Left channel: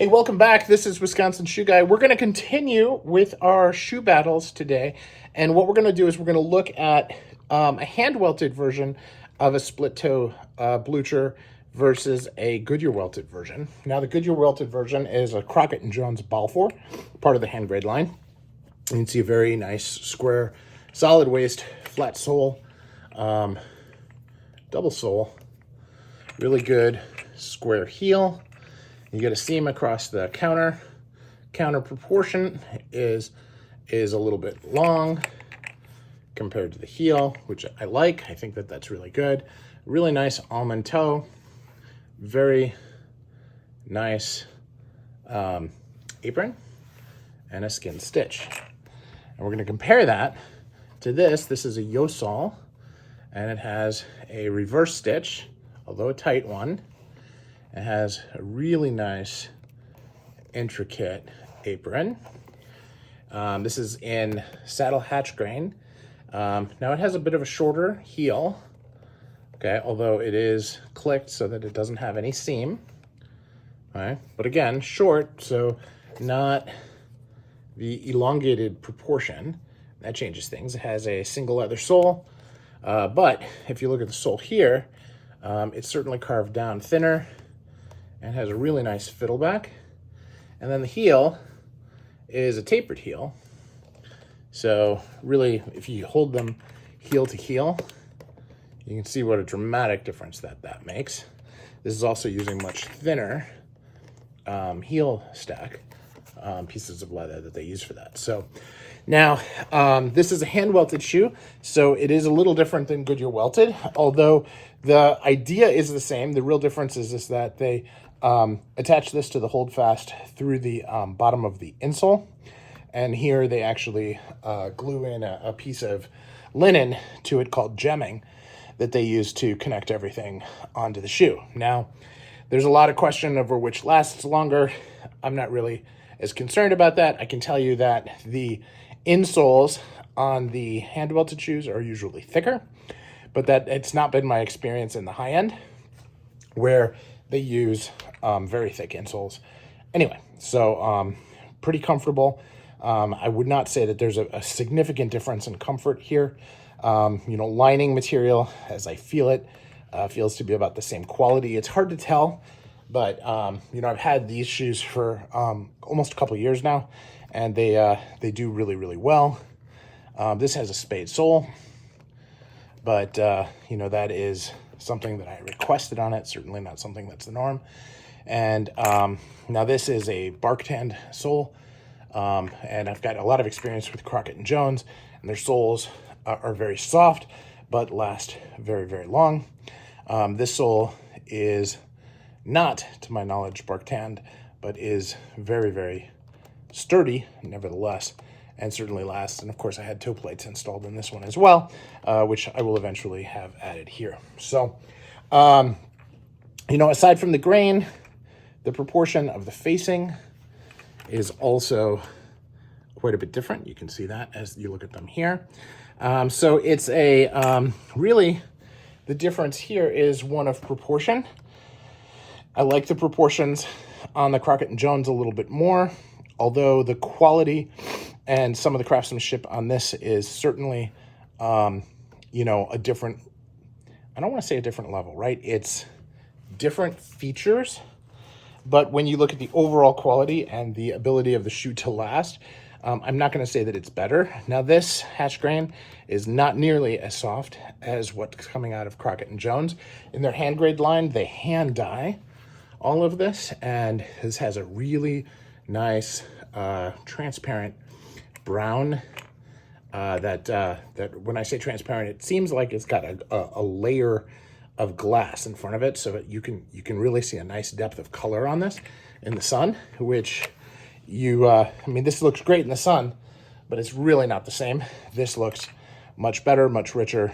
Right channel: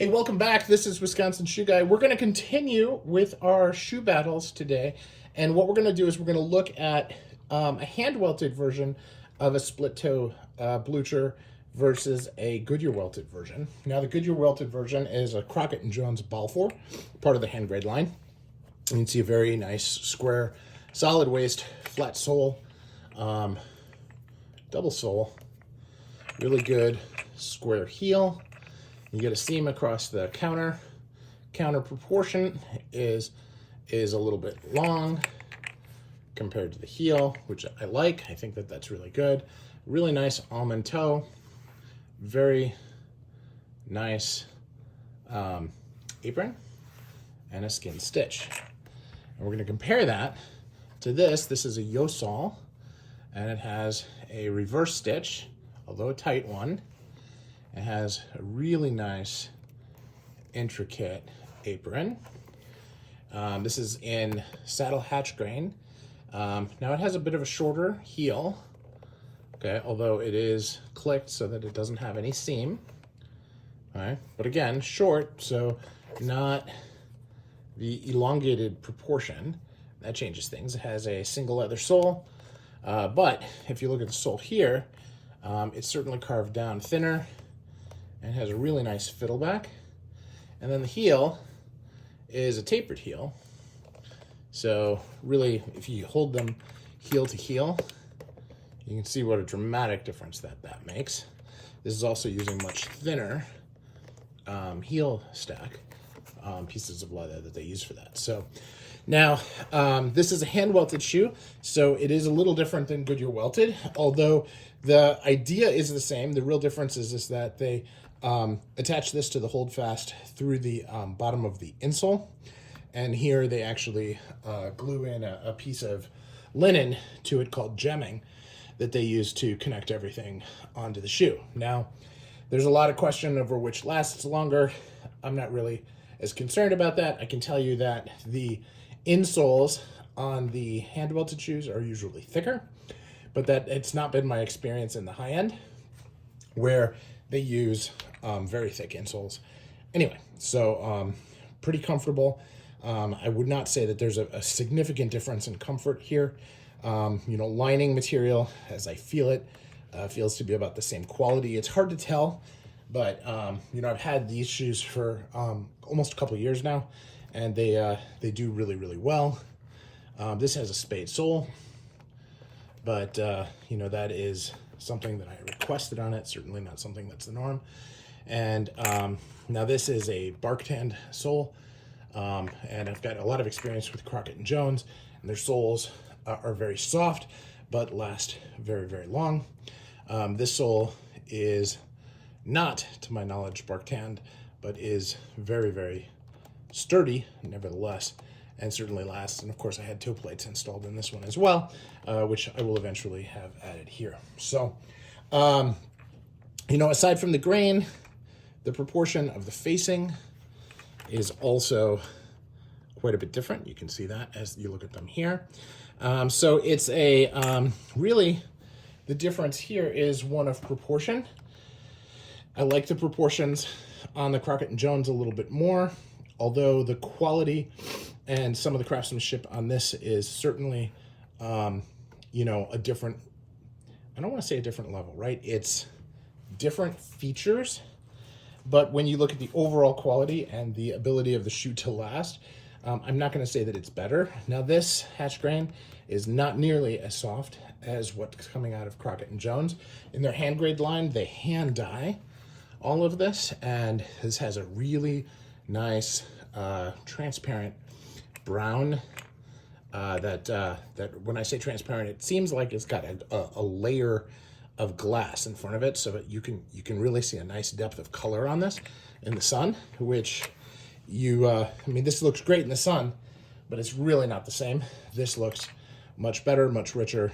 Hey, welcome back. This is Wisconsin Shoe Guy. We're going to continue with our shoe battles today. And what we're going to do is we're going to look at a hand-welted version of a split-toe blucher versus a Goodyear welted version. Now, the Goodyear welted version is a Crockett & Jones Balfour, part of the hand grade line. You can see a very nice, square, solid waist, flat sole, double sole, really good square heel. You get a seam across the counter. Counter proportion is a little bit long compared to the heel, which I like. I think that that's really good. Really nice almond toe. Very nice apron and a skin stitch. And we're going to compare that to this. This is a Yeossal, and it has a reverse stitch, although a tight one. It has a really nice, intricate apron. This is in saddle hatch grain. Now it has a bit of a shorter heel, okay, although it is clicked so that it doesn't have any seam. All right, but again, short, so not the elongated proportion. That changes things. It has a single leather sole, but if you look at the sole here, it's certainly carved down thinner and has a really nice fiddleback. And then the heel is a tapered heel. So really, if you hold them heel to heel, you can see what a dramatic difference that makes. This is also using much thinner heel stack pieces of leather that they use for that. So now, this is a hand welted shoe, so it is a little different than Goodyear welted, although the idea is the same. The real difference is that they attach this to the holdfast through the bottom of the insole, and here they actually glue in a piece of linen to it called gemming that they use to connect everything onto the shoe. Now, there's a lot of question over which lasts longer. I'm not really as concerned about that. I can tell you that the insoles on the hand welted shoes are usually thicker, but that it's not been my experience in the high end where they use very thick insoles. Anyway, so pretty comfortable. I would not say that there's a significant difference in comfort here. Lining material, as I feel it, feels to be about the same quality. It's hard to tell, but I've had these shoes for almost a couple of years now, and they do really, really well. This has a spade sole, but that is something that I requested on it, certainly not something that's the norm. And now this is a bark tanned sole, and I've got a lot of experience with Crockett & Jones, and their soles are very soft, but last very, very long. This sole is not, to my knowledge, bark tanned, but is very, very sturdy, nevertheless, and certainly lasts. And of course, I had toe plates installed in this one as well, which I will eventually have added here. So, aside from the grain, the proportion of the facing is also quite a bit different. You can see that as you look at them here. So it's really, the difference here is one of proportion. I like the proportions on the Crockett & Jones a little bit more, although the quality and some of the craftsmanship on this is certainly, a different, I don't want to say a different level, right? It's different features, but when you look at the overall quality and the ability of the shoe to last, I'm not going to say that it's better. Now, this hatch grain is not nearly as soft as what's coming out of Crockett & Jones. In their hand grade line, they hand dye all of this, and this has a really nice transparent brown that when I say transparent, it seems like it's got a layer of glass in front of it, so that you can really see a nice depth of color on this in the sun, which this looks great in the sun, but it's really not the same. This looks much better, much richer,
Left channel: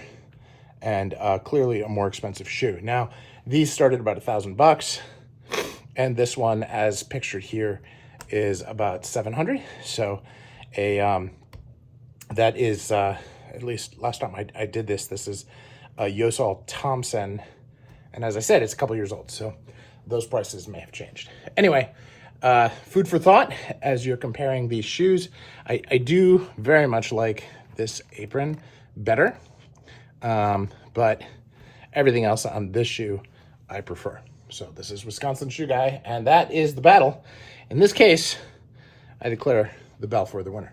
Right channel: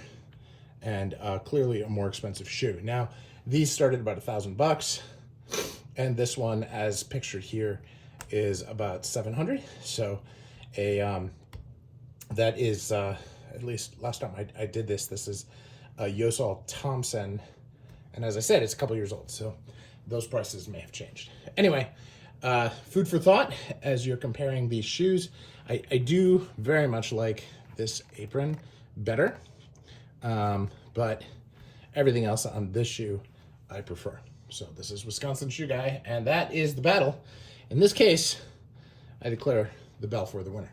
and clearly a more expensive shoe. Now, these started about $1,000, and this one, as pictured here, is about $700. So that is, at least last time I did this is a Yeossal Thompson. And as I said, it's a couple years old, so those prices may have changed. Anyway, food for thought as you're comparing these shoes. I do very much like this apron better, but everything else on this shoe I prefer. So this is Wisconsin Shoe Guy, and that is the battle. In this case, I declare the Balfour the winner.